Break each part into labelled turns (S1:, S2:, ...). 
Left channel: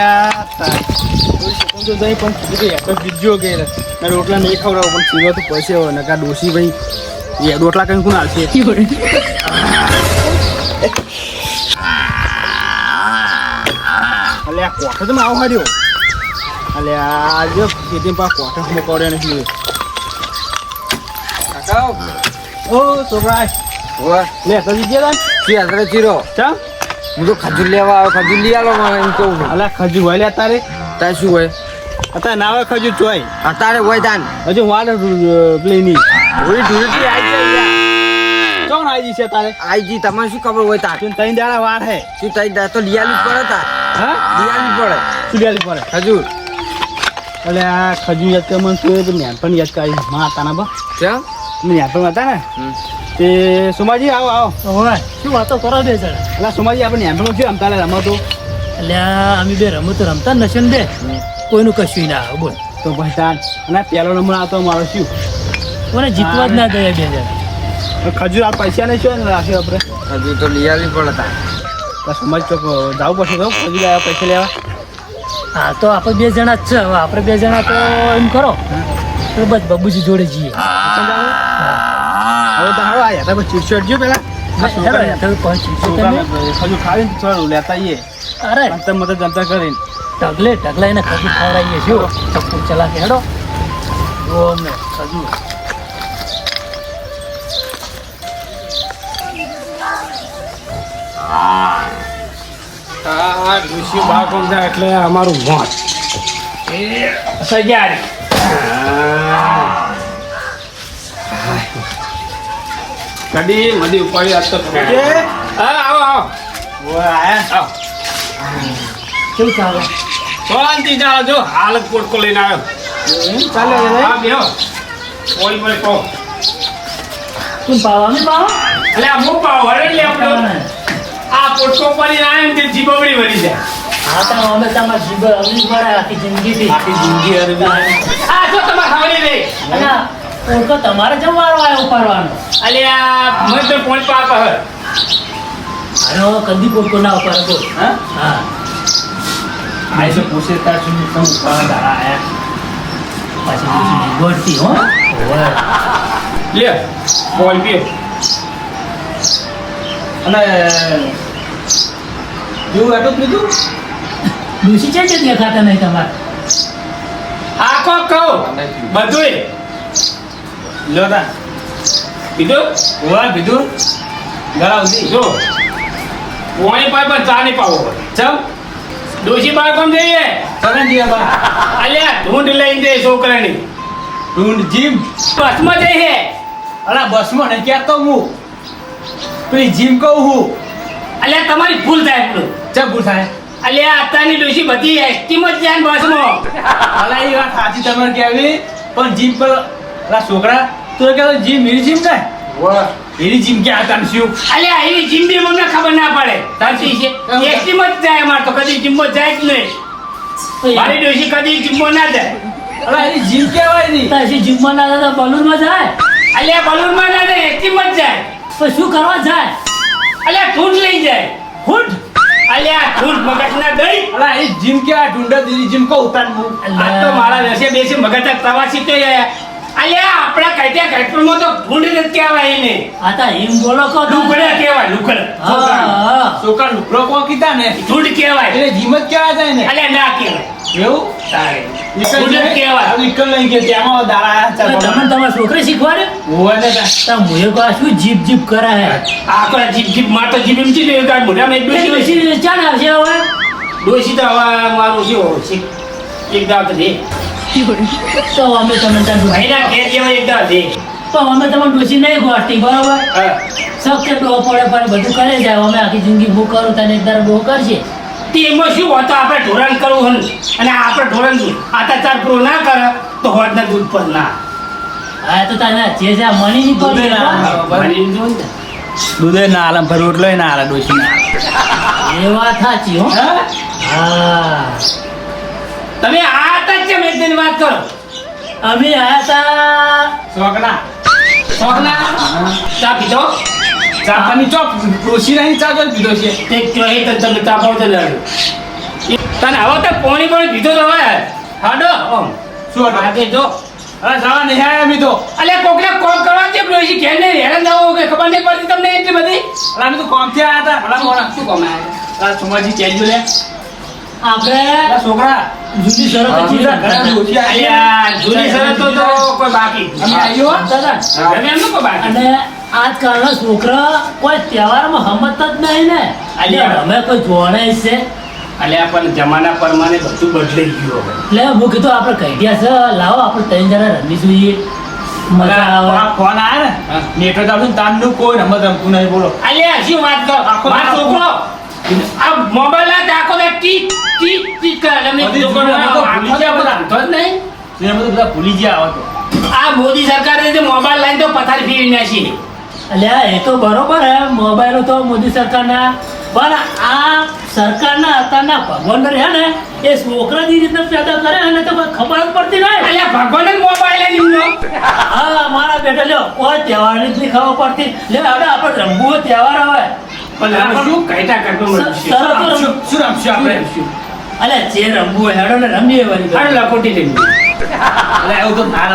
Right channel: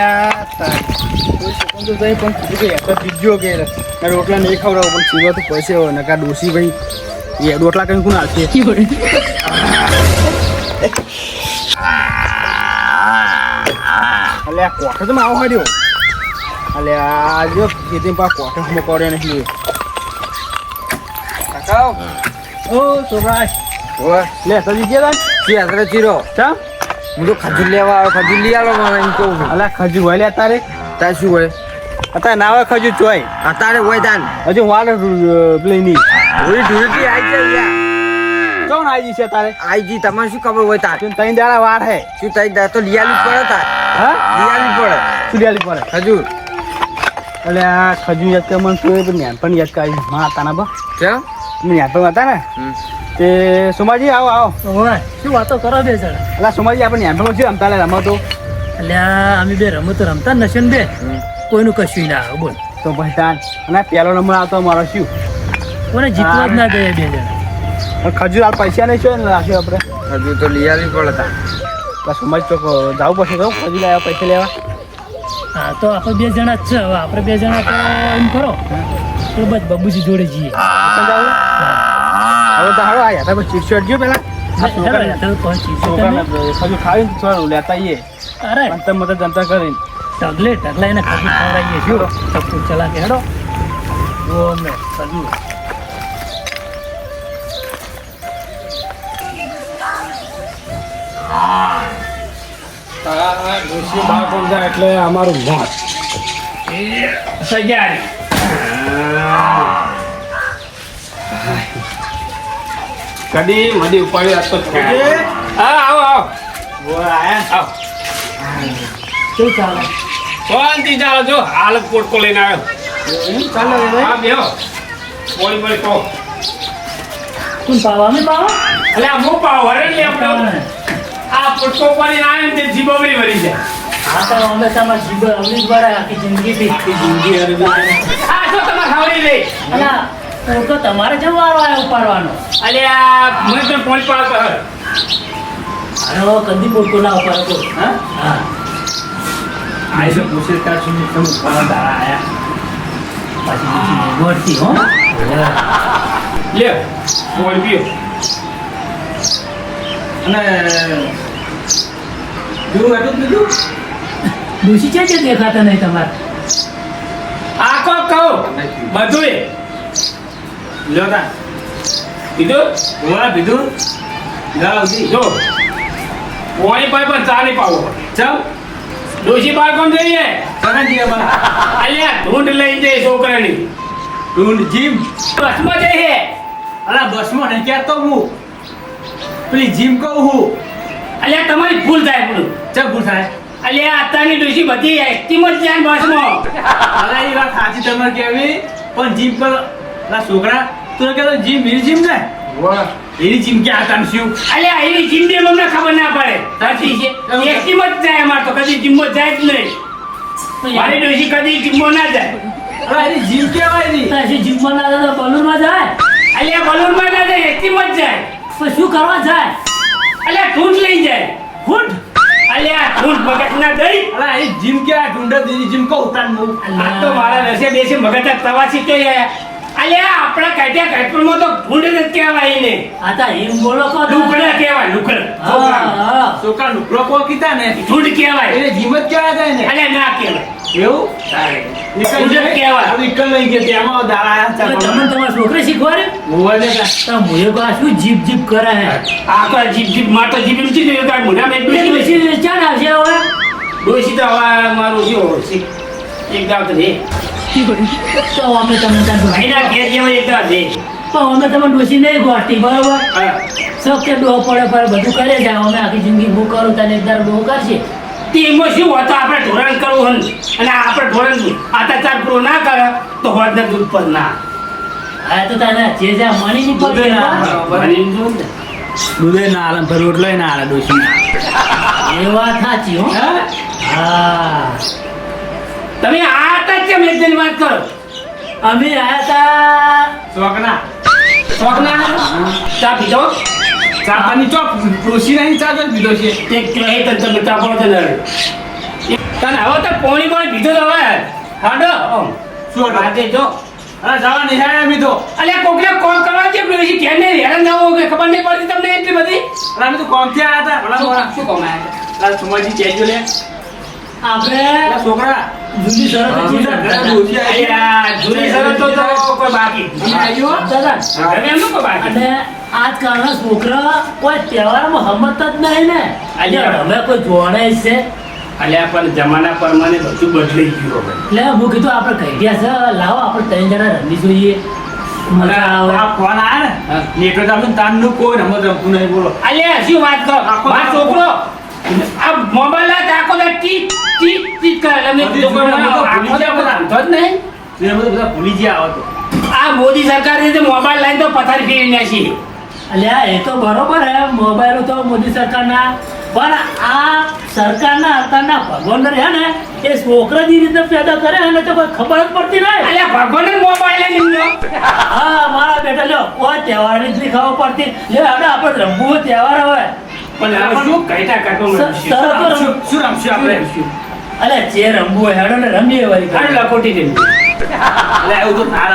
S1: અલ્યા કોઈ તો કીધું કે કે રોટલા નહીં ખવડાવો પણ પીવા તો ડોસી ભાઈ રોટલા કઈ કોણ આવશે અલ્યા કોઠો તો આવો હાર્યો અલ્યા આજે ખેતી પા કોઠો હું કર્યો નહીં લે સજી ગયા
S2: શું યાત્રા ચીરો
S1: ચા
S2: હું તો ખજૂર લેવા આવ્યો ખજૂર લઈ આલો મને એમ કેવું
S1: અલા ખજૂર હોય લે તારે?
S2: તારે શું હોય?
S1: અત્યારે ના હોય ખજૂર ચોય
S2: અત્યારે હોય તાન.
S1: હજુ વાળ પેલી ની.
S2: ઓલી ધૂળેટી આવી જાય
S1: કોણ આઈજી છે તારે?
S2: આઈ તમારે શું ખબર હોય તાર?
S1: તું ત્રણ દાડા વાર હે.
S2: શું તઈ દાડા તો લિયાલી પડે તાર.
S1: હા?
S2: લિયાલી પડે.
S1: સુડિયાલી પડે?
S2: ખજૂર.
S1: એટલે આ ખજૂર યાદ કે મને તું એ પણ પણ યાદ કરી માં હતા ને બા.
S2: કેમ
S1: પણ હતા ને. તે સોમાજી આવો આવો.
S3: શું વાતો કરો બે જણ
S1: એટલે સોમાજી આપણે એમ શું રમતા રમતો.
S3: એટલે અમે બે રમતો રમતા જ નથી બે.
S2: હમ.
S3: કોઈનું કશું ના આવે બોલ.
S1: તો પછી અને પહેલો નંબર આવતો મારો શું?
S3: કોને જીતવા જ ના ગયા બે જણ.
S1: ખજૂર આ પૈસા નહીં શું રાખે આપણે.
S2: ખજૂર તો લઈ પડે પડતા
S1: તો સમજ તો જાવું પડશે તો ખજૂર આવ્યા પૈસા લેવા.
S3: હા તો આપણે બે જણા જ છે. હવે આપણે બે જણા તો એમ કરો. તો બસ બબુજી જોડે જઈએ.
S1: હવે તો હારો આવ્યા તમે ચીડચીડ જો પેલા ખજૂર ખાવીને થોડું લેતા આવીએ
S3: અરે.
S1: અંતર મત જનતા કરીને.
S3: ઢગલે ઢગલા એને ખજૂર ખવડાવીએ શું ચપ્પુ ચલા કે હેડો. જો
S1: કોણ જાય એટલે અમારું મોત. સજારી કદી મધી ઉપાડી આજ તો હા આવો આવો. આવો.
S3: કેવું ચાલે?
S1: શાંતિ ચાલો જો હાલ કોટકો પોટકો લઈને આવ્યો.
S3: ચાલે
S1: હા બેહો. બોલી બોલી કહો.
S3: કોણ પાવા? અમે પાવા?
S1: એટલે આ હું પાવ? હરે લે આપણો. આ પોટકો આવ્યો ને તે જીબવડી વળી જાય.
S3: હા તો અમે તમારા જીભ અમલી દ્વારા આખી જિંદગી થી.
S1: જિંદગી હરે આ તો તમારે ખાવડી લે
S3: ઓળખો તમારે જેમ વારો આવ્યો ઉપાડવાનો.
S1: અલ્યા મને તો પોઈન્ટ પાર પર
S3: અરે કદી પોટકો ના ઉપાડો તો.
S1: હા?
S3: હા.
S1: આ તો પૂછે તાર સુધી તમે ઉપાડવા દાડા આયા?
S3: પાછી નિગોડતી હો.
S1: લે બોલ પીઓ. અને જો હતું બીજું
S3: ડોસી છે કે દેખાતા નહીં તમારે?
S1: આખો કહો બધું લો તા. પીધું
S2: બીજું?
S1: લાવ દી. જો. પોણી પાય પણ ચા નહીં પાવો. ચમ? ડોશી બાર કોમ જઈએ અલ્યા ઢૂંઢ લઈને જઈ છોકરાની.
S2: ઢૂંઢ જીમ?
S1: બસમાં જઈએ
S2: અલા બસમાં નહીં ક્યાં તો હું? પેલી જીમ કહું હું.
S1: અલ્યા તમારી ભૂલ થાય આપણું
S2: ચા ભૂલ થાય?
S1: અલ્યા અત્યારની ડોશી બધી એક્ટિવ જ જાય બસમાં.
S2: અલા એ વાત સાચી તમે કહેવી. પણ જીમ પર છોકરા તું કે જીમ હીરી જીમ ને? હીરી જીમ હતા ને શું?
S1: અલ્યા જીમ જિંદગી મને ખબર ના પડે. સાચી છે. એક્ટિવ જ જાય અમાર તો કદી જીમમાં જાય જ નહીં. મારી ડોશી કદી જીમમાં ના જાય.
S2: અરે એની જીમ કહેવાય નહીં
S3: પછી જીમમાં ના જાય તો બલૂનમાં જાય?
S1: અલ્યા બલૂનમાં ના જાય એક્ટિવ જ જાય.
S3: તો શું કરવા જાય?
S1: અલ્યા ઠૂંઠ લઈ જાય.
S3: ઠૂંઠ
S1: અલ્યા ઢૂંઢ મગજ ના દઈ.
S2: અલા એ જીમ આ ઢૂંઢે દીદી જીમ તાન હું
S1: આ તો મારા નસે બેસી મગજ પ્રવાસી તો અલ્યા આપણા કટ્યા કટપુરમાં તો ઢૂંઢ ન કહેવાય ને
S3: આ તો એમ બોલો કો
S1: લુકડા કહેવાય લુકડ.
S2: છોકરા લુકડો કોણ કીધા ને?
S1: ઢૂંઢ કહેવાય.
S2: એટલે જીમત કહેવાય છે ને
S1: અલ્યા ના કહેવાય.
S2: એવું?
S1: ઢૂંઢ કહેવાય.
S2: વિકલ લઈ ગયા તેમાં દાડા
S3: તમારા છોકરી શીખવાડે?
S2: મોબાઈલ
S3: તા. મુએ જીપ જીપ કરે હે?
S1: આ તો જીપ જીપ માર તો જીપ એમ એક.
S3: આવશે હવે?
S1: તો હવે મારું દાંત દે
S3: પડે પડે
S1: ના કરે તો
S3: તને જે જ્યાં મળી નહીં
S1: દૂધે ના આલમ પર રોટલો
S3: એ વાત સાચી હા
S1: તમે આ હતા કેમ એક દિન વાત કરો?
S3: અમે આયા તા
S2: શોખના
S1: શોખના ચા પીધો?
S2: ચા પાણી ચોક કૃષિ નહીં ચા જો પીધો છે.
S1: તે કહે તો તમે ચા પાડો છો ને તને હવે તો પોણી પણ પીધો તો હવે હાડો?
S2: શું હતું?
S1: આજે જો.
S2: જવા નહીં આયા
S1: કોકને કોમ કરવા દે પેલો એ ઘેર ને હેરાન કે ખબર નહીં પડતી તમને એટલી બધી?
S2: અરે અમે તો કોમથી આયા હતા. ભલા
S1: શું કોમ આવ્યા
S2: અરે સુમાજી કહેજો લે.
S3: આપણે
S2: છોકરા
S3: જુદી શરત
S1: જૂની શરતો. તો કોઈ બાકી.
S2: અમે આવ્યો?
S3: દાદા,
S1: તમે એમ કોઈ બાકી?
S3: અને આજકાલના છોકરા કોઈ તહેવારમાં હમત જ નહીં ને.
S1: એટલે
S3: અમે કોઈ જોવાના છે.
S1: એટલે પણ જમાના પ્રમાણે બધું બદલાઈ ગયું
S3: એટલે હું કીધું આપણે કહી ગયા છે લાવો આપણે ત્રણ જણા રમી જોઈએ. ફોન આવે.
S2: ફોન આયા ને. નેટવર્ક આપણું ને તાનનું કોઈ રમત રમતું નહીં બોલો.
S1: અલ્યા હજી વાત તો
S2: આખો
S1: મારો છોકરો આ મોબાઈલ આ આખો દા ટી ટી ટી કરે. છોકરો
S2: દુનિયા તો
S1: આખો દા રમતો જ નહીં.
S2: એ બધું બધા ભૂલી ગયા આવો તો.
S1: આ મોદી સરકાર જે મોબાઈલ લાઈન તો પથારી ફેરી નાખી.
S3: અલ્યા એ તો બરોબર હે. મોબાઈલ તો મોદી સરકારના પણ આ સરકારના અત્યારના ભગવાન રહે ને એ છોકરાની રીતે પેદા કરે અને તો કોઈ ખબર જ પડતી નહીં.
S1: એટલે ભગવાન જ મોબાઈલ લઈ લીધો.
S3: હા મારા બેટા લ્યો કોઈ તહેવારની જ ખબર પડતી. લે હવે આપણે રમવું તહેવાર આવે
S1: પણ હવે શું મને
S3: તો
S2: શું રમશું આપણે?
S3: અલે જે રમવું હોય હેડો ને રમીએ
S1: લકોટી
S2: એવું તો ના.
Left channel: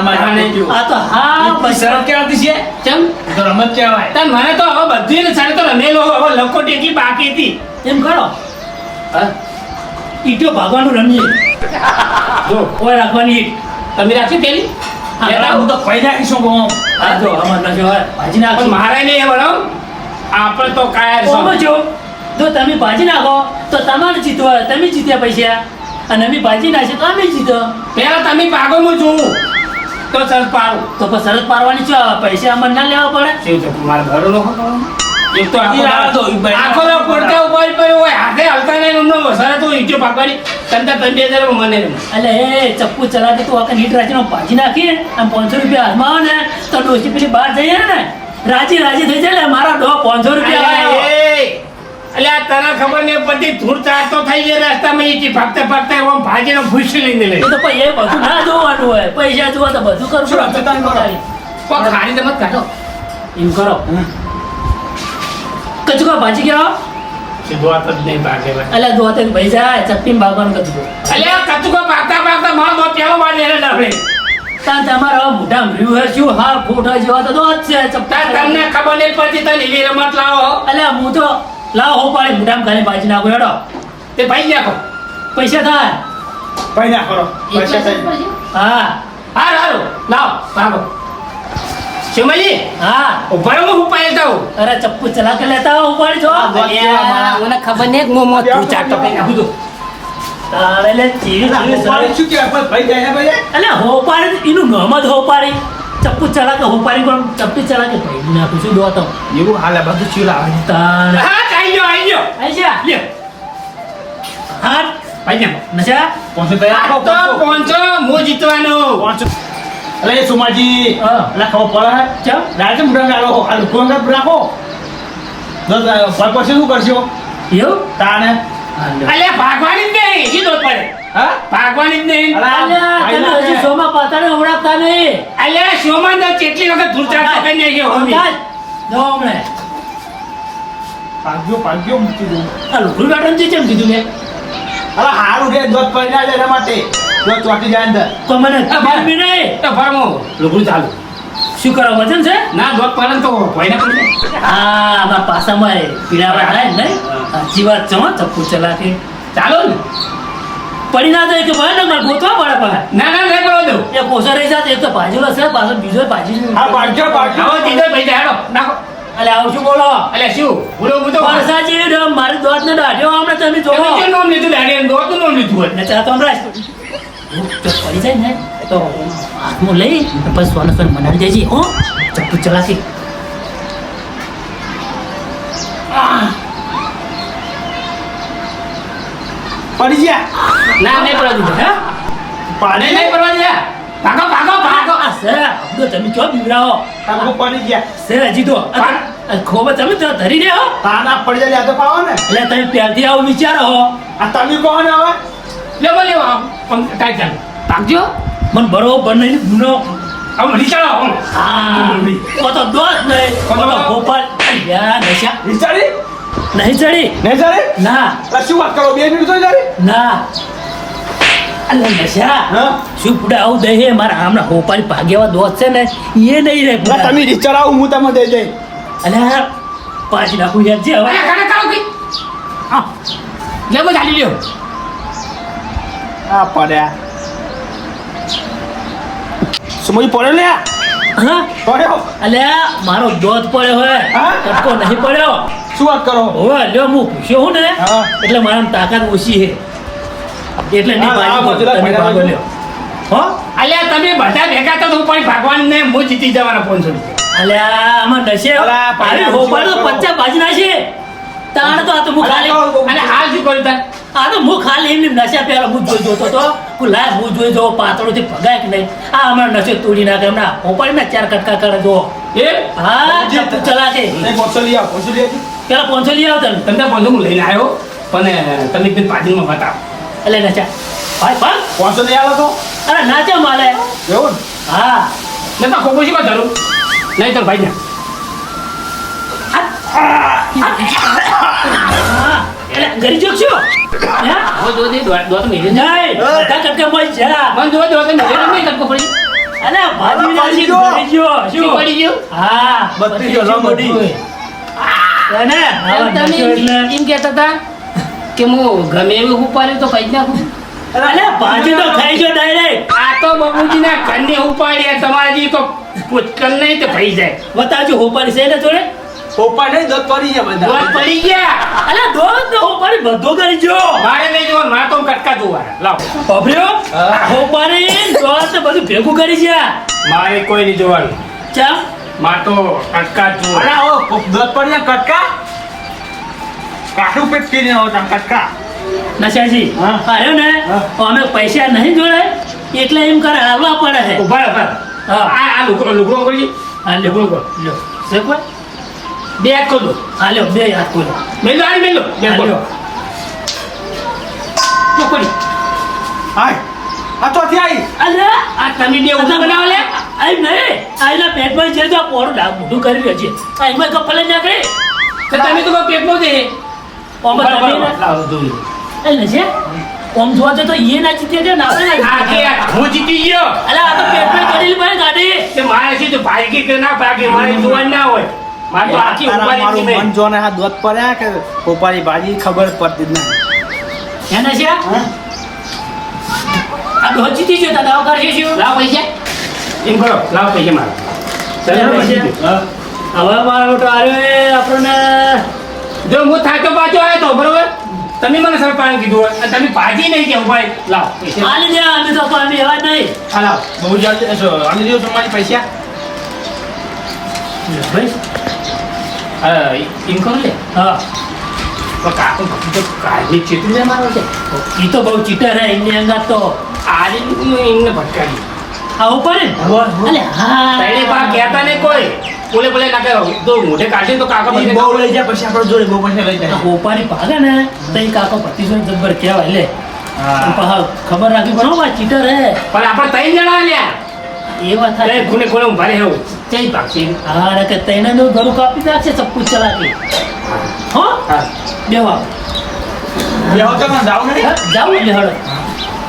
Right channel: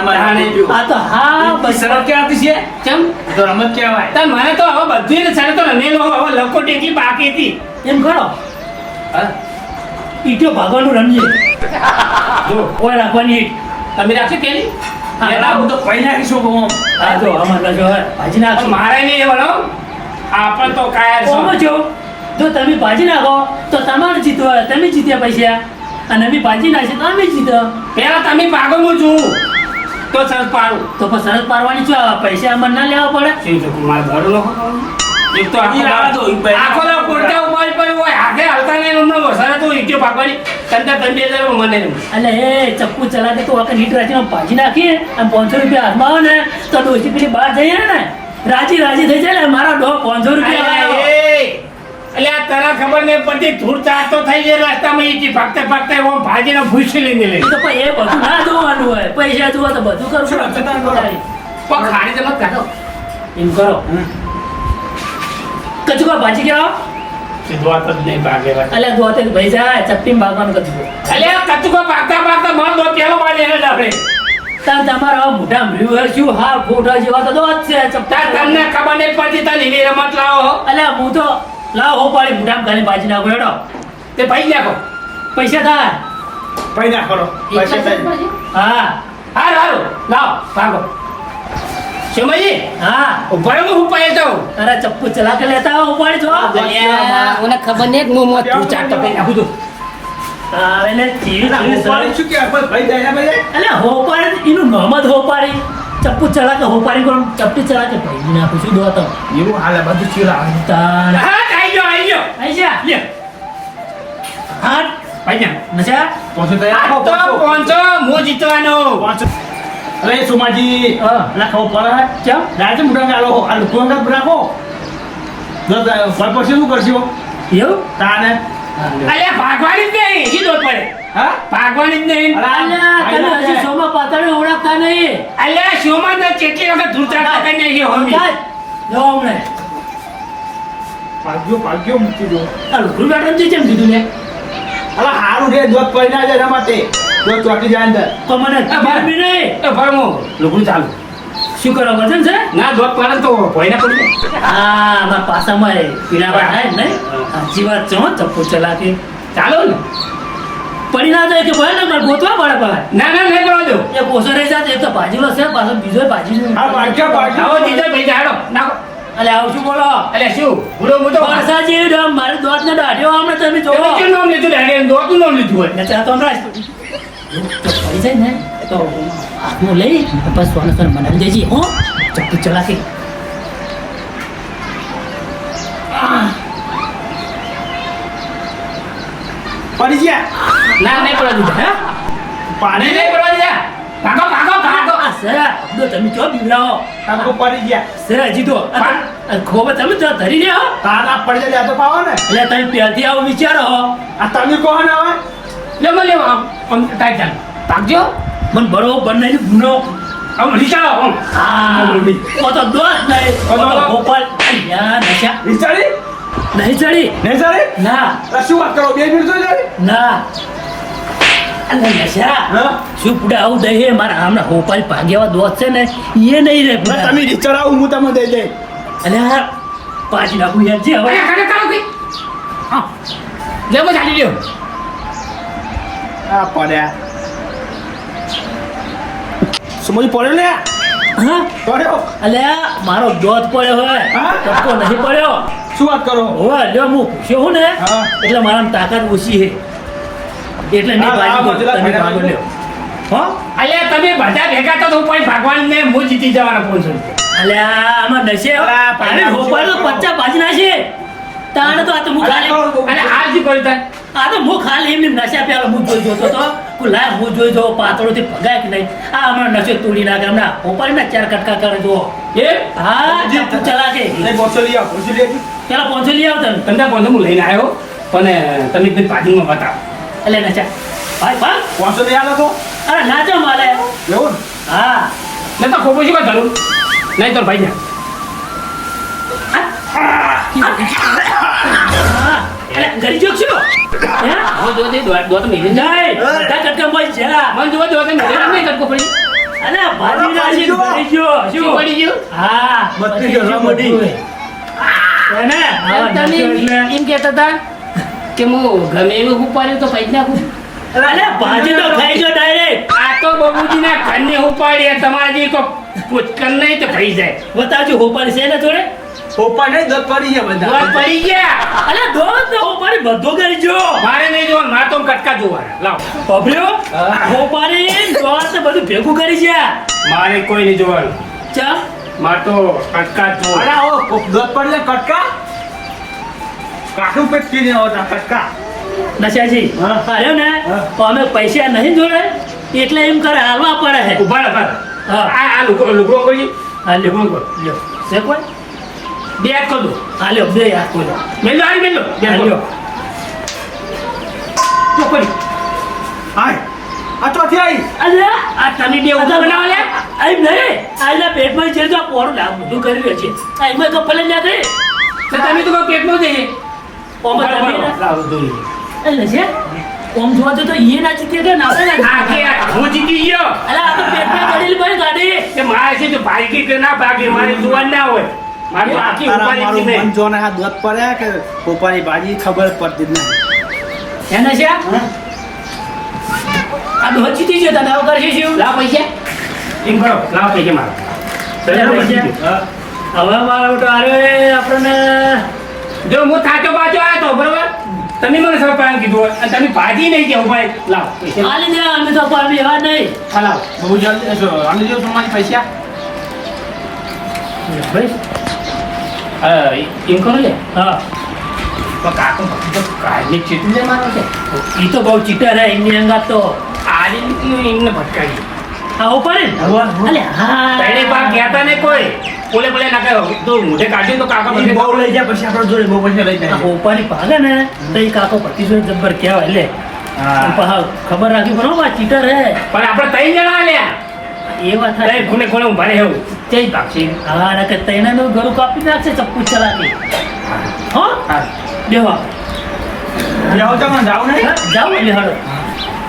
S3: આ તો હા બસ.
S2: શરત કહેવાતી છે?
S1: કેમ?
S2: તો રમત કહેવાય.
S1: તાર મને તો હવે બધું સારી તો રમેલું હવે લકોટી એટલી બાકી હતી.
S3: એમ
S1: ખરો?
S3: ઈટો ભાગવાનું રમીએ.
S1: જો,
S3: કોઈ રાખવાની ઈટ
S1: તમે રાખશો પેલી?
S3: હા,
S2: તો કોઈ નાખીશું ગો
S3: આ જો અમાર જો હોય ભાજી નાખો
S1: મારે નહીં બનાવ આપણે તો કાયર
S3: સમજો જો તમે ભાજી નાખો તો તમારે જીતવો તમે જીત્યા પૈસા. અને અમે ભાજી નાખીએ તો અમે જીતો
S1: પેલા તમે પાગો હું છું. તો સરસ પાડું.
S3: તો પછી સરસ પાડવાની છો પૈસા અમારે ના લેવા પડે.
S1: મારે ભરો લોકો એક તો આખો દાડો પોડતા ઊભા પડ્યો હોય હાથે હાલતા નહીં એમનો વસારે તો ઈટ્યો પાકવાની. તંતા બે હજાર મને
S3: એટલે એ ચપ્પુ ચલાતે તો આપણે નીટ રાજીમાં ભાજી નાખીએ અને પાંચસો રૂપિયા હાથમાં આવે ને તો ડોસી પેલી બહાર જઈએ ને રાજી રાજી થઈ જાય મારા ડો પાંચસો રૂપિયા
S1: એટલે આ તને ખબર નહીં પછી ધૂળ ચાટતો થઈ જાય રસ્તામાં એથી ભાગતા ભાગતા એવો ભાજીનો ભૂસી લઈને લે
S3: તો પણ એ બધું ના જોવાનું હોય. પૈસા જોવા તો બધું
S2: કરશું?
S1: પણ ખાડી તમે કાઢો.
S3: એમ કરો. કચકો ભાજી કરાવો
S1: જ નહીં ભાગે ભાઈ
S3: અલ્યા ભાઈ જાય ચપ્પી ભાગવાનું કચકો.
S1: અલ્યા કચકો ભાગતા ભાગતા મારો દો પેલો બાજી એને ડાબડે
S3: તાન તમારા મોઢા ભર્યું શું? હા ફોટા જેવા તો દો છે
S1: તાર તમને ખબર નહીં પડતી તને એવી રમત લાવો
S3: અલ્યા હું તો લાવ હો પાડી મોઢામાં ખાલી ભાજી નાખો હેડો.
S1: તે ભાઈ નાખો.
S3: પૈસા થાય.
S2: ભાઈ ના પૈસા થાય.
S3: હા.
S1: હારું હારું. લાવો ભાગો. શિવમાજી
S3: હા.
S1: ઊભા હું ઉપાય જાઉં
S3: અરે ચપ્પુ ચલા કે લેતા ઉપાડી જો.
S1: મને ખબર નહીં મો મો તું કઈ નાખું?
S3: તારે લે ચીડી ચીડી
S2: હું પાડું
S3: સરે.
S2: છું કે ભાઈ જાય ભાઈ.
S3: અલ્યા હો એનું નામ જ હો પાડી ચપ્પુ ચલા કે હો કોણ? ચપ્પી ચલા કે ભાઈ નાખું છું દો તો.
S2: એવું હાલે બધું ચીરા આવે.
S3: તાણ.
S1: આઈ ગયો આઈ ગયો.
S3: આઈ જા
S1: લે
S3: હાટ
S1: ભાઈ
S3: નશા?
S2: પાંચસો તૈયાર
S1: તો. પહોંચો. હું જીતવાનો.
S2: પાંચસો. અરે સુમાજી. અલા ખબર પડે? હે?
S3: ચમ
S2: રાતે મુઢા ગાળો. આ લોકો રાખો. દસ ફળ પડશે શું કરશો?
S3: એવું?
S2: તાને
S1: અલ્યા. ભાગવાની જ નહીં. કીધો પડે.
S2: હા?
S1: ભાગવાની જ નહીં.
S2: અલા,
S3: અલ્યા તમે હજી
S2: કે.
S3: સોમાં પાતાળે ઓળખતા નહીં.
S1: અલ્યા શોમાં તો કેટલી વખત ધૂળતા કરી નાખ્યો હોમી.
S3: કાંઈ. મે હમણે
S2: ભાગ્યો ભાગ્યો મૂકી દો
S3: આ લુગડું બેઠવાનું જે કેમ કીધું લે?
S2: અલા હારું રે દોત પડી ના જાય એના માટે. દોત ચોટી જાય અંદર.
S3: તો મને ખબર બી નહીં.
S1: તો ફરમો લુગડું ચાલુ.
S3: શું કરો વજન છે?
S1: ના દોત પડે તો કોઈ ના જાય.
S3: હા મારા પાસામાં મારે પીલા હે ને સાચી વાત છે ચપ્પુ ચલાકે.
S1: ચાલો ને.
S3: પડી ના જાય કે ભાઈ ને મારે ગોતવા પડે પાછા.
S1: ના ના નહીં પડવા દો.
S3: એ કોસા રહી જાય એક તો ભાજીલો છે પાછો બીજો ભાજી
S2: હા ભાગ્યો
S1: આવો દીધો ભાઈ જાડો નાખો.
S3: અલે આવું શું બોલો?
S1: અલે શું? બોલો બોલો
S3: વરસાદ જેવી ડમ, મારી દોત નો દાઢ્યો હમણાં તમે જોવો.
S1: તમે કેમ નામ લીધું? ને દોતું નામ લીધું હોય?
S3: ને ચા તો હમણાં જ. તો પડી જાય ને. તો હાથમાં લઈ પછી સોને સોને મનાવી દેજે હો. ચપ્પુ ચલાકી
S2: પડી ગયા?
S3: ના નહીં પડવા દીધા. હે
S2: પાણી
S1: નહીં પડવા દે ભાગો ભાગો ભાગો.
S3: આ સર અબડો તમે ચો બીવડાવો?
S2: તાકો પડી ગયા.
S3: સર હજી તો ખોબા તમે તો ધરી દે હો?
S2: તાના પડી જાય તો પાવો ને.
S3: એટલે તમે પહેલથી આવું વિચારો હો.
S2: આ તમે કહો ને હવે.
S1: લેવો લેવો આમ ટાઈટ ચાલો. ભાગજો.
S3: મને બરોબર નહીં ગુનો.
S1: આમ નીચાળો આમ.
S3: આ ઓ તો દોસ્ત નહીં ગોપાલ. યા નશા.
S2: વિચારી
S3: નહીં ચડી
S2: નહીં ચાલે
S3: ના.
S2: શું વાત કરો? બે મિનિટ તો ચાલે
S3: ના. અલે નશા
S2: હા?
S3: શું પુડા આવું મારા હમણાં હોપારી ભાગ્યવા દોસ્ત છે ને. એ નહીં રે
S2: તમે રીત ચડાવો હું તમને દઈ દઈ
S3: અને પાછી નાખું યાર. જે હવે.
S1: અરે, કાકા, કાકા, ઊભી. હા. લે, બસ હાલી લ્યો.
S2: આ પડ્યા. સમય પડે લે
S3: હા?
S2: પડ્યો.
S3: અલે મારો દોત પડ્યો હે.
S2: હા?
S3: ટપકો નહીં પડ્યો.
S2: શું વાત કરો?
S3: હવે લ્યો હું પૂછ્યો હું ને.
S2: હા.
S3: એટલે મારા તાકાત ઓછી છે. એટલે નહીં ભાગી તમે
S2: ભેગા
S3: લ્યો. હો?
S1: અલ્યા તમે બધા ભેગા તો હું પણ ભાગવાન ને હું જીતી જવાનો ફોન છું.
S3: અલ્યા આમાં
S2: અલા,
S3: પાણી
S2: કરો.
S3: પચ્ચા બાજના છે. તાણ તો આ તો હું ખાલી
S1: અને હાલ શું કર્યું તાર?
S3: આ તો હું ખાલી એમની નશા પેલો હું જોઈ જોતો તો હું લાય હું જોઈ જો પાતળો થી ભગાય કે નહીં? આ હમણાં નશો તોડી નાખે હમણાં હોપાળી ના ચાર કટકા કરે જો
S1: એ?
S3: હા
S2: ચલા પોચો લઈ આવો પોચો લઈ.
S3: પેલા પોંચો લઈ આવ તમે
S1: તમને પોંચો હું લઈને આવ્યો પણ તમે પાર્ટીમાં બતાવો
S3: એટલે નચા. ભાઈ ભાઈ.
S2: પોચો નહીં આલો તો?
S3: અરે નાચા માલે.
S2: એવું
S3: હા.
S1: લે તો ખોબું શું ધરું. નહીં તો ભાઈ ને.
S3: હા. એટલે ઘરી જોક છો? હું?
S1: જો દે દો તો મેરે
S3: નહીં. બધા કટકા બોલ જા
S1: મને જો જો તો મેરે નહીં કટકો પડી
S3: અરે ભાજી
S2: અલા,
S3: નાખી ઘરી જો.
S1: શું?
S3: શું
S1: પડી ગયું?
S3: હા.
S2: બત્રીસ
S3: બત્રીસ
S2: હજાર
S3: એને?
S4: તમે એમ કહેતા હતા કે હું ગમે એવું ઉપાડ્યું તો પૈસા નાખું
S3: અરે ભાજી તો ખાઈ જો ડાયરેક્ટ
S1: આ તો બાબુજીના ઘરને ઉપાડ્યા તમારા તો પુષ્કર નહીં તો ભાઈ જાય.
S3: બતાવજો હોપારી છે ને જોડે?
S2: પોપા નહીં દોત પડી ગયા બધા.
S1: દોત પડી ગયા?
S3: અલે દોસ્ત ને હોપારી બધો કરી જો
S1: મારે નહીં જોવાનું મારે તો કટકા જોવા લાવ.
S3: પભર્યો હોપારી દોસ્ત ને બધું ભેગું કરી ગયા.
S1: મારે કોઈ નહીં જોવાનું.
S3: ચા
S1: મારે તો કટકા
S2: જોવા ઓ, દોત પડી ગયા કટકા? કાઠું પેટ આવો તા કટકા.
S3: નશાજી. અરે ને અમે પૈસા નહીં જોડે એટલે એમ કરે હાલવા પડે છે.
S1: ઊભા ઊભા
S3: હા.
S1: આ લુગડો લુગડો કરી
S3: હા
S1: લુગડો કર.
S3: લ્યો. છે કોઈ?
S1: બે હાથ ખોલો.
S3: હા લ્યો બે હાથ ખોલો.
S1: મેલો મેં મેલો બે ખોલો. પડી
S2: હાય. આ ચોથી આવી
S3: અરે
S1: આ તને ડે ઊભો બનાવો લે.
S3: આઈ નહીં આઈના પેટમાં જે તો પોર ડા બધું કરી રહ્યો છે. આ એમાં કપલે ના ગઈ
S1: તો તમે તો પેટમાં નો જઈએ
S3: એટલે છે ઓમ જોવા તો એ ના જીતે કે ના
S1: હું જીતી ગયો?
S3: અલે આ તો પેટમાં પડેલી ભાઈ ગાડી.
S1: કે મારે છે તો ભાગી કે ના ભાગી? મારે જોવાનું ના હોય. મારે તો આખી ઉપાડી
S2: મન જોને હા દોત પડ્યા કે પોપાની ભાજી ખબર પડતી નહીં.
S3: એના છે આ દોત જીતી ગયો તને આવકાર છે શું
S1: લાવો પૈસા. એમ કરો લાવો પૈસા મારા. ગયો.
S3: હવે મારો તો અરે આપણને
S1: જો હું થાક્યો પાછો આવ્યો તો બરોબર? તમે મને સરપાન કીધું હોય. અને તમે ભાજી નહીં કેવું ભાઈ લાવ પૈસા.
S3: હાલી દે અમે તો પાણી એવા નહીં.
S1: આ લાવ.
S2: બહુ જલ્દી આની જો તમારી પૈસા.
S3: ભાઈ.
S1: હા, એમ કરો લે.
S3: હા.
S1: તો કાકો તો કાલની ચેતને મારો છે.
S3: એ તો બહુ ચીટર હે એની અંદર તો.
S1: આજે એમને ભટકાવી.
S3: આ પડે ને? અલે હા.
S1: પહેલે પા કહેતા ને કોઈ. બોલે બોલે કાકે તો મોઢે કાઢી તો કાકા પછી
S2: બહુ લઈ જાય પછી આપણે જોડે બહુ પૈસા લઈ જાય.
S3: ઓપાની પાગા ને? તો કાકો કાકો ભતીજો જબ્બર કહેવાય લે.
S2: હા.
S3: ખબર રાખી પડે હો ચીટર હે.
S1: પણ આપણે તઈ જણા લ્યા.
S3: એ વાત થાય
S1: ખૂણે ખૂણે ઊભા રહે એવું. ક્યાંય ભાગશી?
S3: હા ને કે તઈને નું ઘર કાપી નાખશે ચપ્પુ ચલાકી હો? દેવા
S2: દેવા તો પણ જાવ નહીં.
S3: જાવ ને હળો.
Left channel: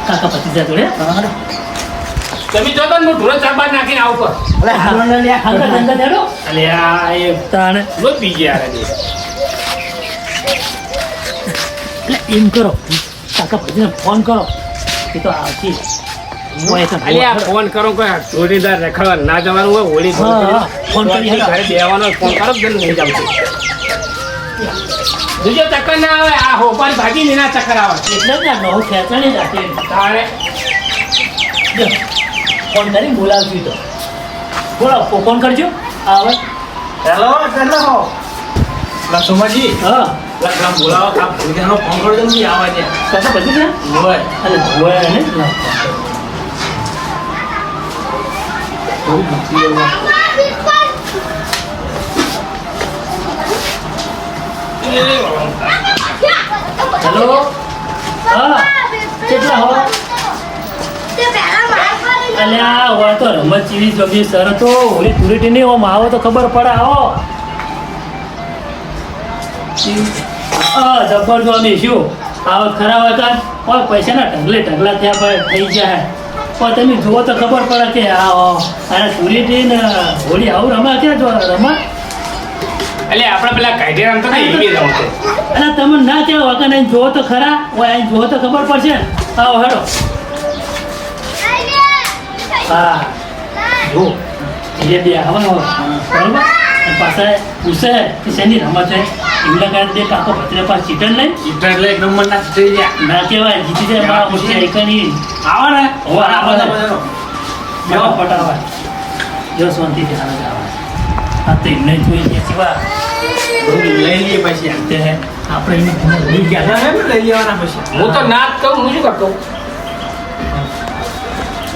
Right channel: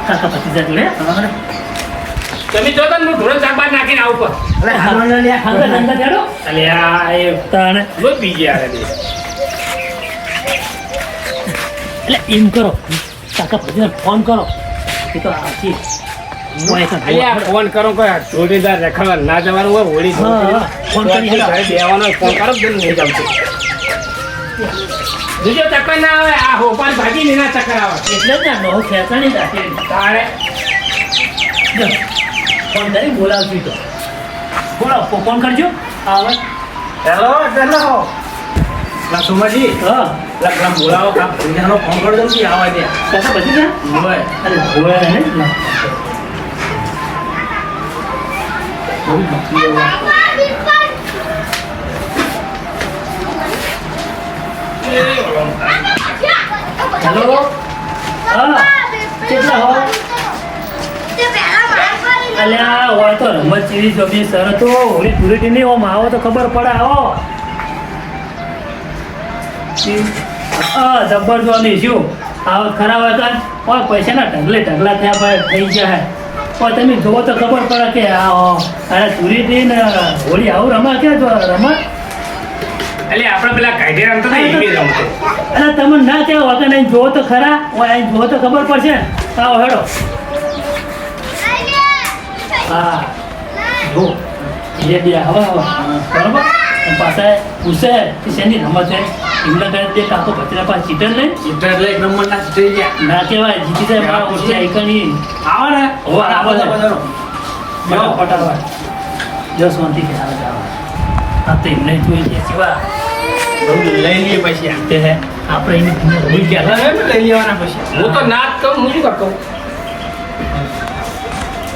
S3: કાકા ભતીજા જોડે.
S1: તમે જો તો હું ઢોરો નાખીને આવું પર
S2: અલે હાલો ને લ્યા
S3: હંગત હંગત
S1: અલે આ એ
S3: તાણે.
S1: રોજ બીજી આવે છે.
S3: એટલે એમ કરો. કાકા ભતીજાને ફોન કરો. એ તો આવતી.
S1: ફોન કરો કોઈ જોડીદાર રખડવા ના જવાનું હોય હોળી.
S3: ફોન
S1: ફોન
S3: કરી
S1: ઘરે બેવાનો ફોન કરો નહીં જાવ બીજો ચક્કર ના આવે આ હોપાલ ભાગી ને ના ચક્કર આવે.
S3: એટલે જ ને બહુ ખેંચણી રાખે.
S1: તારે.
S3: ફોન કરી બોલાવજો તો. બોલો ફોન કરજો. આવે
S2: હેલો હેલો લક્ષ્મણજી
S3: હા.
S2: લક્ષ્મણ બોલાવો કામ ભૂજાનો ફોન કરી દઉં આવે છે
S3: કશું પછી ને
S2: હોય.
S3: અરે હોય ને હેલો? હા. કેટલા હો? અલ્યા હોય તો રમત જેવી જબી તો. હોળી ધૂળેટી નહીં ઓમ આવો તો ખબર પડે આવો. જબ્બર જો અમે શું? આવક ખરાબ હોય કાન ઓય પૈસાના ઢગલે ઢગલા થયા ભાઈ થઈ ગયા પણ તમે જુઓ તો ખબર પડે કે આ આને ચોરી ને હોળી આવું રમા ક્યાં જો રમા?
S1: એટલે આપણે પેલા કાયદે રમતો રમતો.
S3: અને તમે ના કે વગર અહીં જુઓ તો ખરા. ઓય અહીં જુઓ તો ખબર પડશે. આવો હેડો. હા જો ધીરે ધીરે આવે હવે બરોબર અને પાછા પૂછે કે શેની રમત છે એમના કારણે તે કાકો ભત્રીજા પાસે ચીટર નહીં
S2: જીતતા એટલે એક નંબર ના ગયા
S3: ના કહેવાય જીતી જાય મારા મોટી આઈકની
S2: આવો ને
S3: હોવે, આવો ને. બધા પટાવાય જો શાંતિ કે આવે આ તો એમને જોઈ કેવા
S2: બહુ લઈ લઈએ પછી
S3: તે હે આપણે એની ભૂલી ગયા
S2: લઈ લેવાના પછી
S1: હું તો ના કહું હું શું કરતો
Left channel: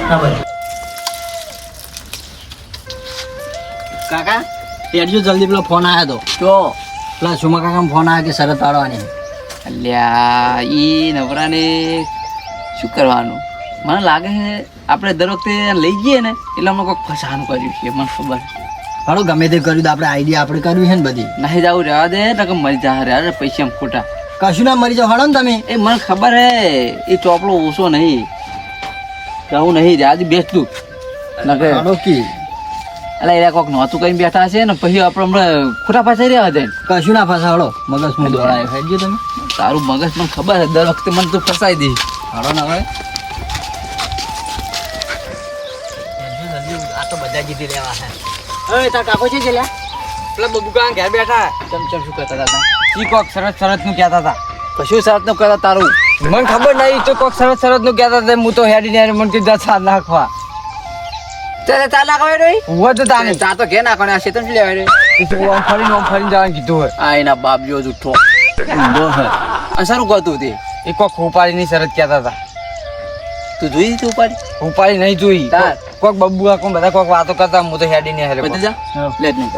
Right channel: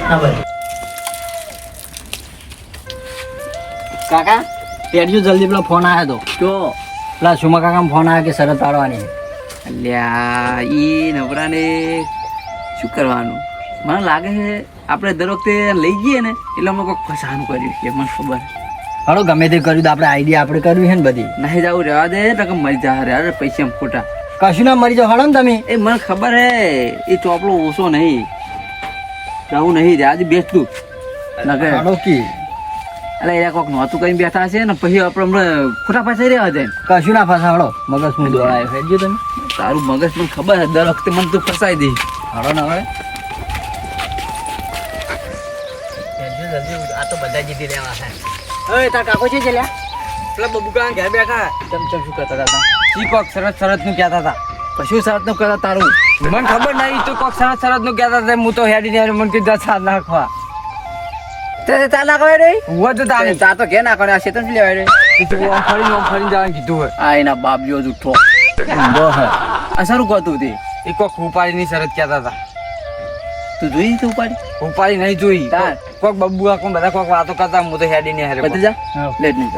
S3: હા ભાઈ
S5: કાકા પેડજો જલ્દી પેલો ફોન આવ્યો હતો તો પેલા સુમા કાકા ફોન આવ્યો કે શરત પાડવાની.
S4: અલ્યા એ નવરાને શું કરવાનું? મને લાગે છે આપણે દર વખતે લઈ જઈએ ને એટલે અમને કોઈક ફસાવાનું કર્યું છે મને ખબર
S5: હાલો ગમે તે કર્યું તો આપણે આઈડિયા આપણે કર્યું છે ને બધી.
S4: નહીં જવું રહેવા દે તો કે મરી જા રહેવા દે પૈસા એમ ખોટા.
S5: કશું ના મરી જાવ હાલો ને તમે.
S4: એ મને ખબર હે એ ચોપડો ઓછો નહીં. હું નહીં રહ્યા ના કે
S5: હાલો કી.
S4: એટલે એ કોક નહોતું કઈ બેઠા છે ને પછી આપણે હમણાં ખોટા ફસાઈ રહ્યા હતા
S5: કશું ના ફસા મગજ મું દોડાય હેડજો તમે.
S4: તારું મગજ મને ખબર છે દર વખતે મને તું ફસાઈ દે.
S5: હાડો ના હવે. આ તો બધા જીતી લેવા છે હવે તાર કાકો છે ચલ્યા પેલા બબુકા ઘેર બેઠા.
S4: ચમ ચમ શું કહેતા હતા? ઈ કોક સરસ સરસનું કહેતા હતા. કશું સરસનું તારું? મને ખબર નહીં તો કોક સરસ સરસનું કહેતા હતા હું તો હેડી ને મને કીધું ચાર નાખવા.
S5: તે ચાલ નાખવા રે
S4: હું તો તારે
S5: ચાર તો ઘેર નાખવાને આ શેતન લેવા રે
S4: ફરીને આમ જવાનું કીધું હોય.
S5: આ એના બાપ જેવો જુઠ્ઠો
S4: આ સારું કહતું તે. એ કોક ઉપાડીની શરત કહેતા હતા.
S5: તું જોઈ ઉપાડી?
S4: ઉપાડી નહીં જોઈ. કોક બબ્બુ કોક બધા કોક વાતો કરતા હું તો હેડી ને હેરે
S5: બધી જા લેટ નહીં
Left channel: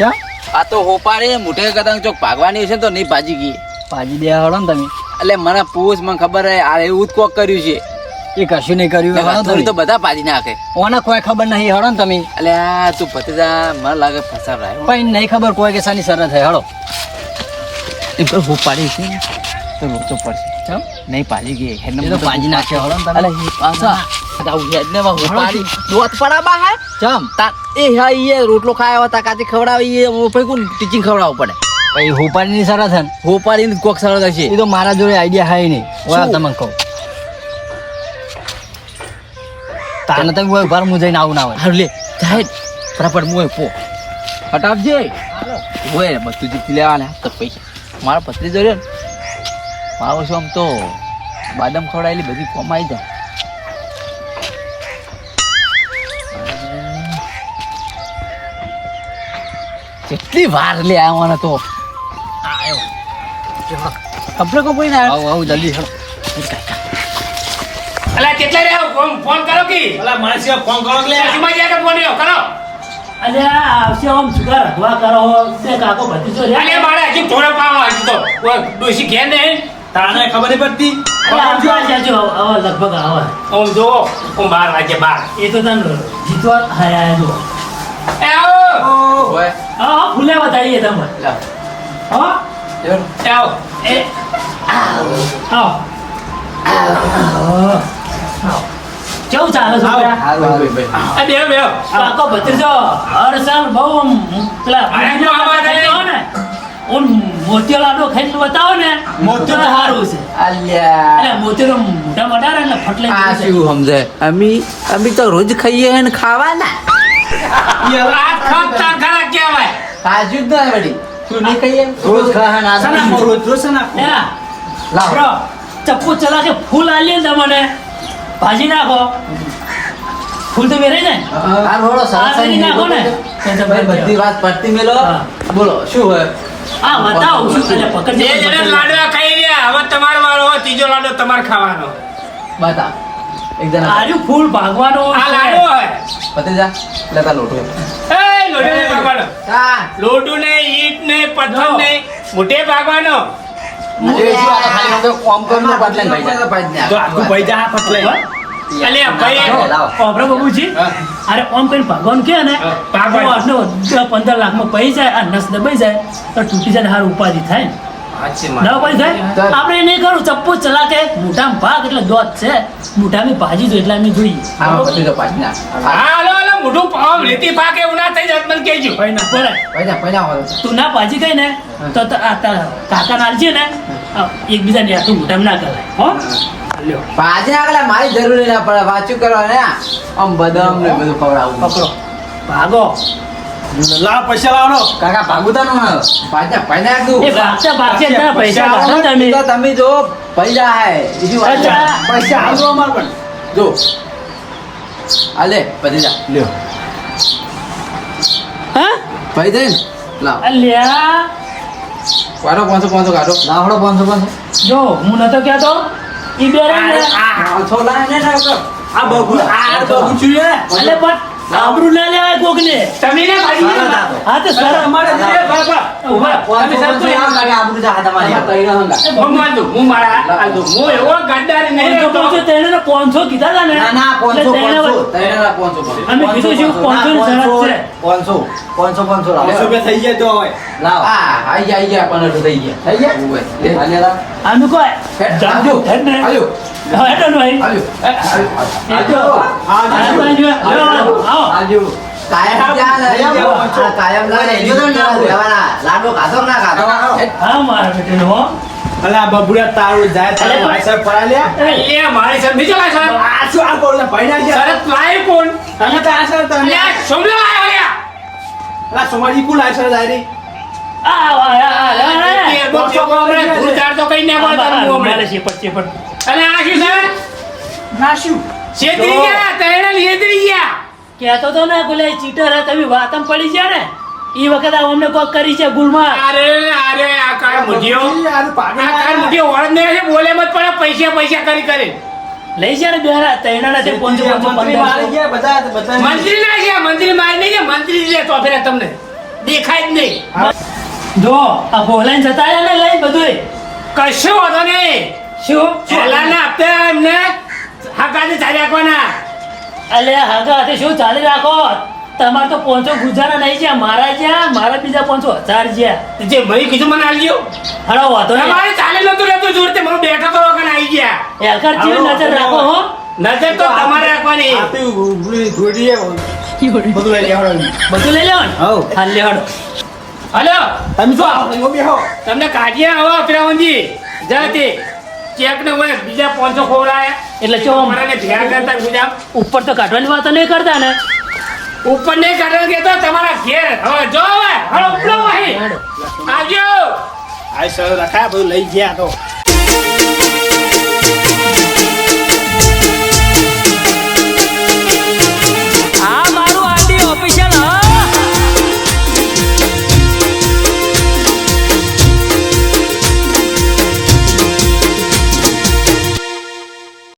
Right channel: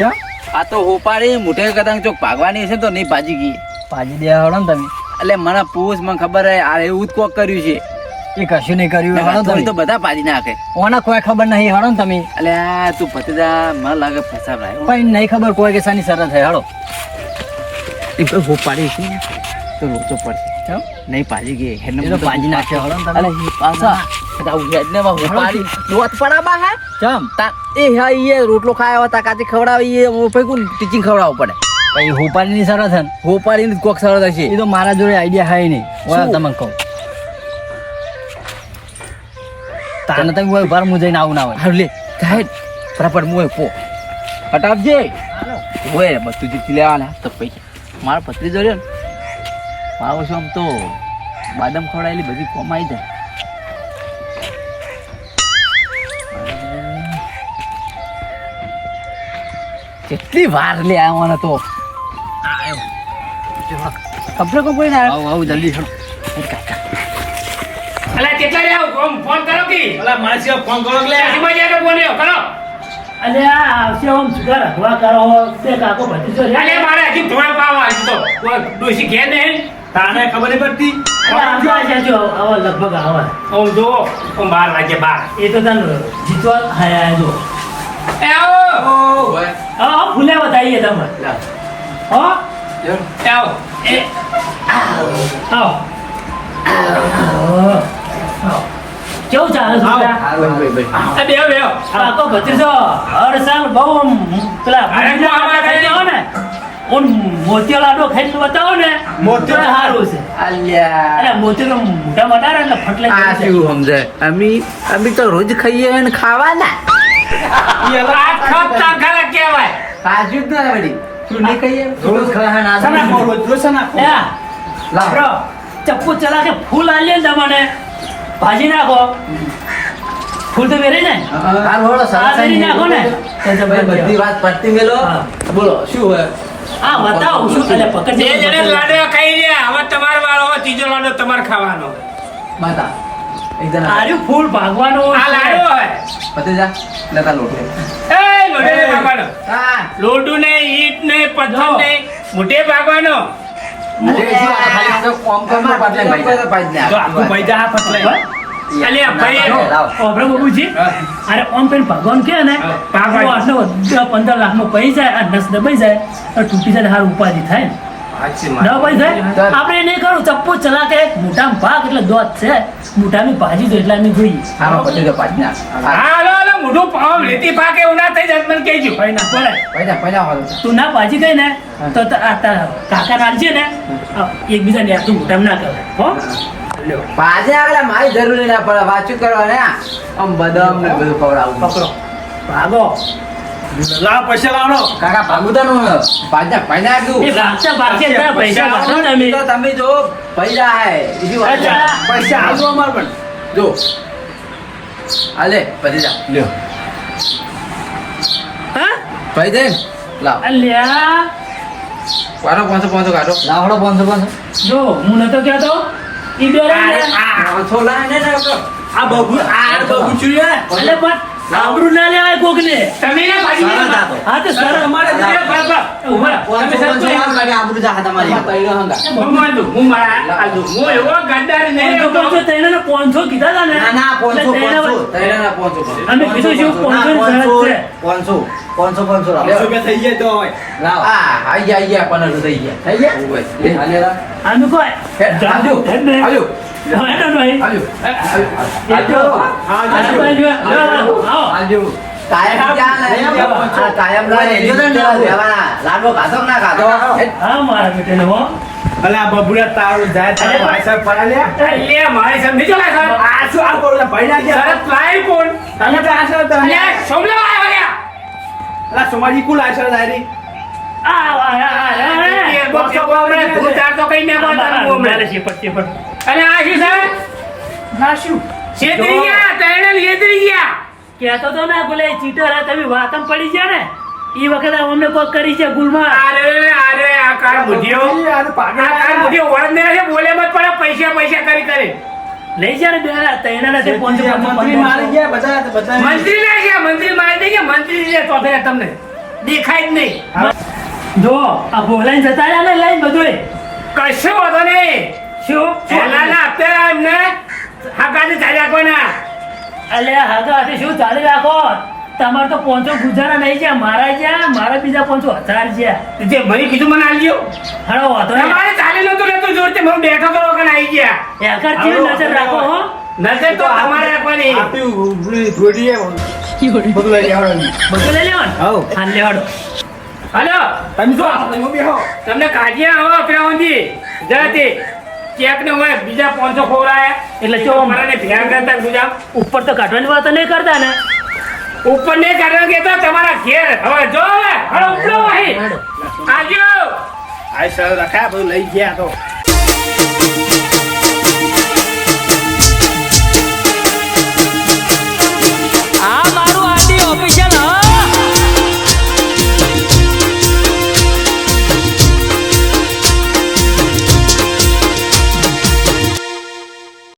S5: કર આ તો હોપાડી મોટે કદાચ ચોક ભાગવાની હશે તો નહીં ભાજી ગઈ.
S4: ભાજી દે હળો ને તમે.
S5: એટલે મને પૂછ મને ખબર હે આ એવું જ કોક કર્યું છે.
S4: એ કશું નહીં કર્યું હળો
S5: તમે તો બધા પાડી નાખે.
S4: ઓના કોઈ ખબર નહીં હળો ને તમે.
S5: આ તું ભત્રીજા મને લાગે ફસાવરાય હો.
S4: પણ નહીં ખબર કોઈ કે સાની સરત હે હળો. એમ તો હોપાડી છે. ને તો લોચો પડશે
S5: ચમ?
S4: નહીં પાડી ગઈ હેડને
S5: તો પાડી નાખે હળો ને તમે.
S4: અલે એ પાછા.
S5: આવું હેડ ને હું પાડી. દોત પડાબા હે?
S4: ચમ?
S5: તા એ હા ઈ રોટલો ખાયા હતા કાચે ખવડાવી એ હું કોણ ટીચિંગ ખવડાવવું પડે.
S4: પછી હોપાડીની શરત હે ને?
S5: હોપાડી કોક સરસ હશે.
S4: એ તો મારા જોડે આઈડિયા હે નહીં.
S5: ઓલા
S4: તમને કહું. તાને તમે હોય ઘર મું જઈને આવું ના હોય.
S5: હારું લે જાય ફટાફટ મોય પો. હટાવજે. હોય બધું જીતી લેવાના તો પૈસા. મારા પત્ની ને મારો શું આમ તો બાદામ ખવડાયેલી બધી કમાઈ જાય. કેટલી વાર લે આવવાના તો. આવ્યો કપડે કપડે ને
S4: આવું આવું જલ્દી.
S1: અલા કેટલા રે આવું? ફોન ફોન કરો કે.
S2: અલા મારા સિવાય ફોન કરો કે લે.
S1: સુમાં જાય તો ફોન આવ્યો કરો.
S3: અલે આ આવશે ઓમ સુગર હવા કરો. તે કાકો ભત્રીજો
S1: અલે
S3: રહ્યા
S1: મારે હજી થોડો પાવ આજ તો. ડોશી ઘેર નહીં?
S2: તાને ખબર નહીં પડતી?
S3: અરે આવજો આવજો હવે લગભગ આવો.
S1: ઓમ જો ઓમ બાર વાગે બાર.
S3: એ તો તને જીતવા હાય આય જો
S1: એ આવો.
S5: હોય
S3: હા હા ફૂલે બતાવીએ તમે. હા?
S1: આવો.
S3: એ આવો. આવો. કેવું ચાલે છોકરા
S1: આ બે બેહો
S3: કાકો ભત્રીજો. હર સાલ બહુ આમ પેલા ને. ઓન મોતિયો લાડો ખાઈને બતાવો ને.
S2: મોતિયો?
S3: સારું છે.
S5: અલ્યા.
S3: અરે મોતિયો મોઢા મટાડે એટલે ફટલે
S5: આ શું સમજે અમે અમે તો રોજ ખાઈએ ને ખાવાના.
S1: આ ખપતા ખરા કહેવાય.
S5: કાજુ જ ના વળી. શું નહીં ખાઈએ? રોજ ખાવાના.
S2: સના રોજ રોજ સના.
S3: ચપ્પુ ચલા કે ફૂલ આલીએ ને તમને ભાજી નાખો. ફૂલ તો મેરે ને?
S5: આ રોડો સરસ
S3: નાખો ને.
S5: બધી વાત પડતી મેલો બોલો શું હોય?
S3: આ બતાવો શું એટલે પકડ
S1: જે જણે લાડો ખાઈ લે હવે તમારો વારો હવે ત્રીજો લાડો તમારે ખાવાનો.
S5: બતા. એક જણા.
S3: આર્યું ફૂલ ભાગવાનો
S1: આ લાડો હોય.
S5: પતે જા લેતા લોટો.
S1: એ લોટો નહીં ભાગવાનો.
S5: હા.
S1: લોટું ને ઈટ ને પથ્થર ને મોટે ભાગવાનો.
S3: અરે ઓમ કરીને ભગવાન કે ને પંદર લાખમાં પૈસા જાય આ નસ દબાઈ જાય તો તૂટી જાય હાર ઉપાધિ થાય. ના પૈસા આપણે નહીં કરું ચપ્પુ ચલા કે મોટામાં ભાગ એટલે દોત છે. મોટાની ભાજી તો એટલા એમની જોઈએ
S5: આમાં પતી તો પાછી નાખ
S1: હાલો હાલો મોઢું પાવ રેતી પાકે એવું થઈ મને કહેજો.
S3: તું ના ભાજી ગઈ ને તો તારા કાકા નાળજે ને. એકબીજાને યાદ તું મોટામાં ના કરે હો? લ્યો.
S5: આગળ મારી જરૂરી ના પડે વાંચું કરવા ને. આમ બદામ ને બધું ખવડાવું
S3: પકડો. ભાગો.
S2: લાવ પૈસા લાવનો
S5: કાકા ભાગુતા નું પાછા પૈસા તું
S3: એ ભાગશે ભાગશે ના પૈસા આવો ને અમે.
S5: તો તમે જો પૈસા આય બીજી વાત
S2: પૈસા. આવો અમાર પણ.
S5: જો. આલે પછી જા. લ્યો.
S3: હે?
S5: પૈસા દે લાવ.
S3: અલ્યા.
S5: વારો પાંચસો પાંચસો કાઢો. લાવડો પાંચસો પાંચસો.
S3: જો હું નતો કહેતો. ઈ બેરે આ ને
S5: ને
S2: આ બગુ આ બગુ
S3: છું પણ આબરૂ ના લેવાય કોકને.
S1: તમે ને ભાજી
S3: હા તો સર.
S2: અમારે
S5: આબરૂ જા તમારી
S1: હું માનું, હું મારા હું એવો ગદ્દાર નહીં
S3: પાંચસો
S1: રહેતો.
S3: પાંચસો ત્રણેયને પાંચસો કીધા હતા ને?
S5: ના ના પાંચસો
S3: એટલે ત્રણેય-
S5: પાંચસો ત્રણેયના પાંચસો પાંચસો.
S3: શું પાંચસો ની
S5: પાંચસો લાવ.
S2: પાંચસો રૂપિયા થઈ જાય તો હવે.
S5: લાવ. હા આઈ ગયા આઈ ગયા પંદરસો થઈ ગયા. થઈ ગયા? ઓવે એ આનું
S3: કોઈ
S5: હેડ
S3: ને.
S5: આવજો
S3: હા, હેડ ને ભાઈ.
S5: આવજો આવજો
S3: હા, ભાઈ, જો, જો, આવો.
S5: આવજો કાયમ? આ લાડવો ખાધો ના ખાધો
S3: હા, મારા બેટાને હો.
S2: અલા બબુડા તારું જાય તારે ભાઈ સાહેબ પડા લે
S1: લે મારી સાહેબ નીચે લાય સાહેબ.
S2: આ શું આ કોણ ભાઈ ના ગયા
S1: શરત લાય કોણ?
S2: તમે તો આ સર તમે
S1: સોમલે લાય અલ્યા.
S2: અલા સોમાજી કુ લાય સર જાય
S3: આ, આ, આ, આ, આ,
S1: બોક્સો કોમરે ઝાડ તો કઈ ના બોલતા હું હમણાં.
S3: છે શેપટ, શેપટ.
S1: અને આ શું છે?
S2: ના શું
S1: છેતરી ગયા, છેતરી ગયા.
S3: કહેતો તો ને બોલે ચીટર હે તમે વાતમ પડી છે ને ઈ વખત અમને કોક કરી છે ગુલમાં.
S1: અરે, અરે, આ કાળ મુઢિયો.
S2: આ પાગલ
S1: આ કાળ મુઢિયો ઓળંગને છે, બોલે મત પડે, પૈસા પૈસા કરી કરી.
S3: લઈ છે ને બેરા તૈણા થી પહોંચો
S2: મંત્રી મારી ગયા બધા બધા
S1: મંત્રી ના છે, મંત્રી મારી નહીં ગયા, મંત્રી લે તો ફેરે તમને. દેખાય જ નહીં.
S3: જો આ બોલાઈ જતા રહ્યા ને લઈને બધું
S1: કશું વાંધો નહીં.
S3: શું?
S1: પહેલાના હપ્તે એમને હકાને ચાલ્યા કોના?
S3: અલે હાથો હાથે શું ચાલી રાખો? તમારે તો પોંચો ગુજારા નહીં છે મારા જ્યાં મારા બીજા પોંચો હજાર છે
S1: જે ભાઈ કીધું મને આલજો
S3: હળો વાતો
S1: તમારે ચાલે નતું રહેતું જોરતે મને બેઠો તો વગર આવી ગયા.
S3: એકર જીવ નજર રાખો હો.
S1: નજર તો તમારે રાખવાની.
S2: આપી ઉભરી ધોડીએ બધું લઈ આવવાનું
S3: બધું લઈ લેવાનું. હા લેવાનું
S1: હલો.
S2: તમે આવો તમે બેહો.
S1: તમને કાઢીએ આવો ફિરાઉંજી જતી ચેક ને હોય બીજા પાંચસો ખોરાયા
S3: એટલે જો
S1: મારાને ભેગા કરતા ગુજામ
S3: ઉપર તો કાઢવાની વાત નહીં કરતા ને?
S1: ઉપર નહીં કાઢવા કે તો તમારા ઘેર. હવે જો હવે હળો ઉપડો
S3: ભાઈ
S1: આવજો.
S2: આય સર રખા ભાઈ લઈ ગયા તો. આ મારું આડી ઓફિશિયલ હા?